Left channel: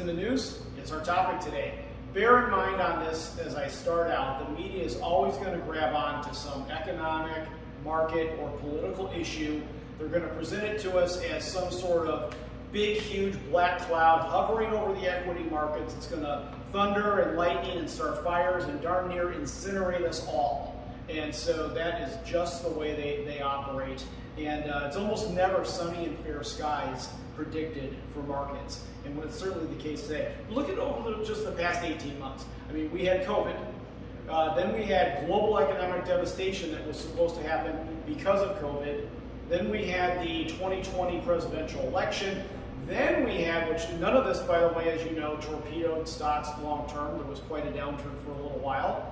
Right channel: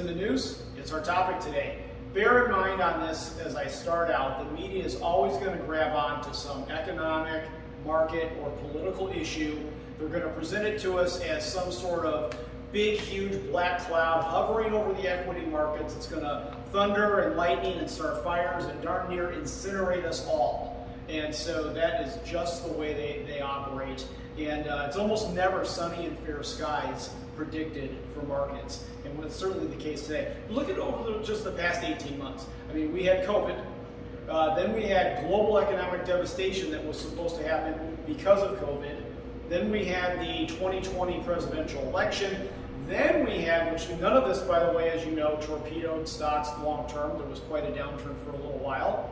in the news? It's our topic today. Bear in mind on this as I start out, the media is always going to grab on to some economic, market, or political issue. They're going to present it to us as some sort of big, huge black cloud hovering over the equity markets. It's going to thunder and lightning and start fires and darn near incinerate us all. And so that is just the way they operate. And it's almost never sunny and fair skies predicted for markets. And it's certainly the case today. Look at over just the past 18 months. I mean, we had COVID. Then we had global economic devastation that was supposed to happen because of COVID. Then we had the 2020 presidential election. Then we had, which none of this, by the way, as you know, torpedoed stocks long term. There was quite a downturn for a little while.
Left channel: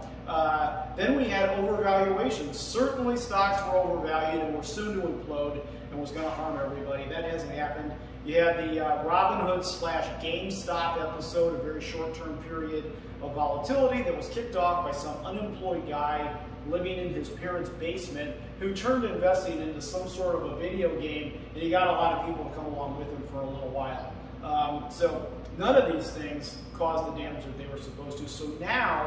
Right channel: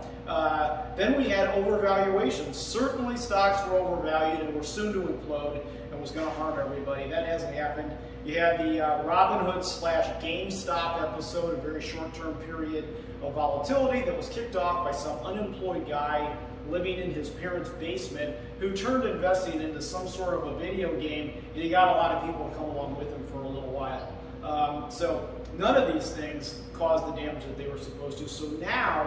Then we had overvaluations. Certainly stocks were overvalued and were soon to implode and was going to harm everybody. That hasn't happened. You had the Robinhood / GameStop episode, a very short-term period of volatility that was kicked off by some unemployed guy living in his parents' basement who turned investing into some sort of a video game, and he got a lot of people to come along with him for a little while. So none of these things caused the damage that they were supposed to. So now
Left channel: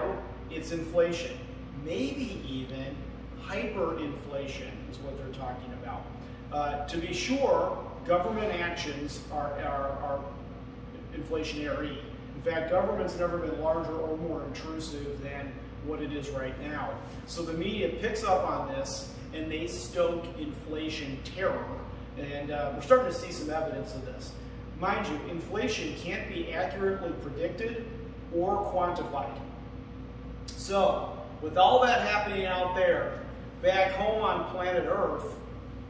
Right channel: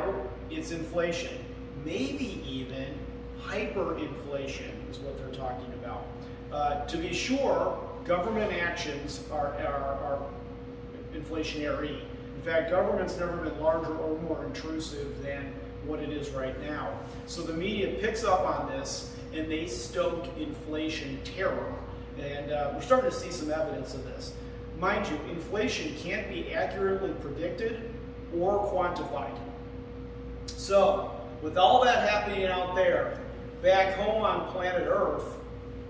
it's inflation, maybe even hyperinflation is what they're talking about. To be sure, government actions are inflationary. In fact, government's never been larger or more intrusive than what it is right now. So the media picks up on this and they stoke inflation terror. And we're starting to see some evidence of this. Mind you, inflation can't be accurately predicted or quantified. So with all that happening out there, back home on planet Earth,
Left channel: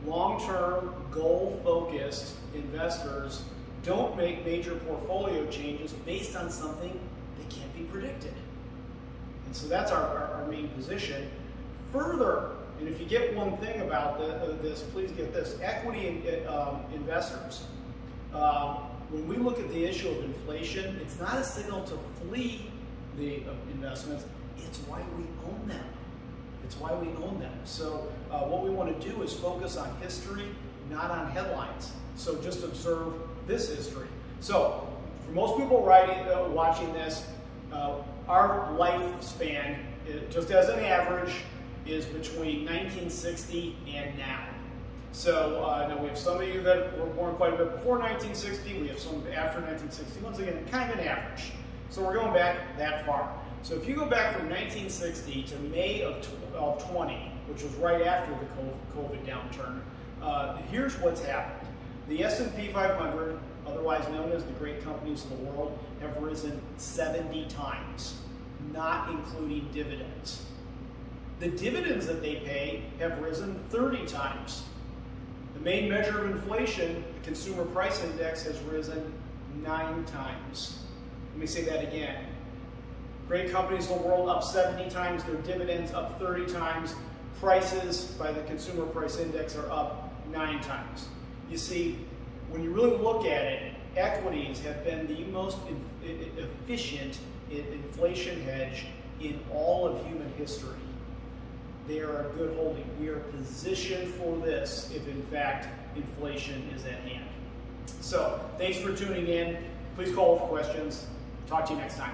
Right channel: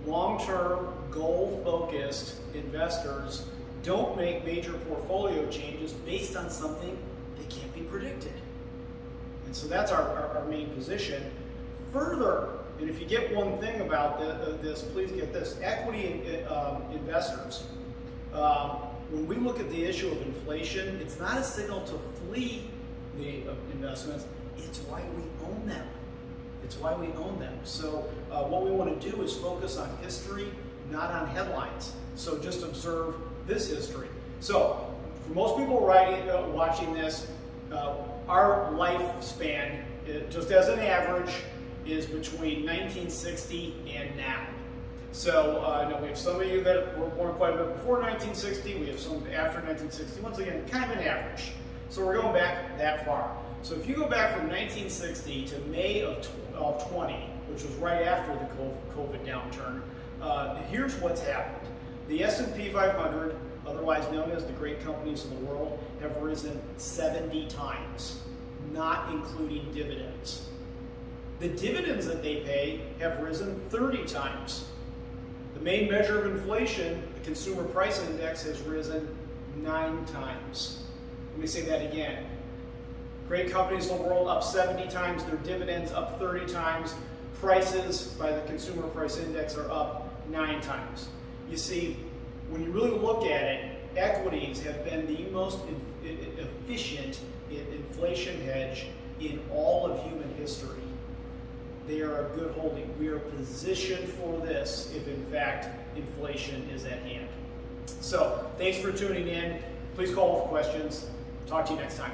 long-term, goal-focused investors don't make major portfolio changes based on something that can't be predicted. And so that's our main position. Further, and if you get one thing about this, please get this. Equity investors, when we look at the issue of inflation, it's not a signal to flee the investments, it's why we own them. It's why we own them. So what we want to do is focus on history, not on headlines. So just observe this history. So for most people watching this, our lifespan, just as an average, is between 1960 and now. So now we have some of you that were born quite a bit before 1960. We have some after 1960. Once again, kind of an average. So we're going back that far. So if you go back from 1960 to May of 20, which was right after the COVID downturn, here's what's happened. The S&P 500, otherwise known as the great companies of the world, have risen 70 times, not including dividends. The dividends that they pay have risen 30 times. The main measure of inflation, the consumer price index, has risen 9 times. Let me say that again. Great companies of the world up 70 times, their dividends up 30 times, prices by the consumer price index are up 9 times. You see, when you really look at it, equities have been the most efficient inflation hedge in all of human history. They are a good holding. We are positioned for this if in fact inflation is at hand. So thanks for tuning in. Please call with questions. Talk to you next time.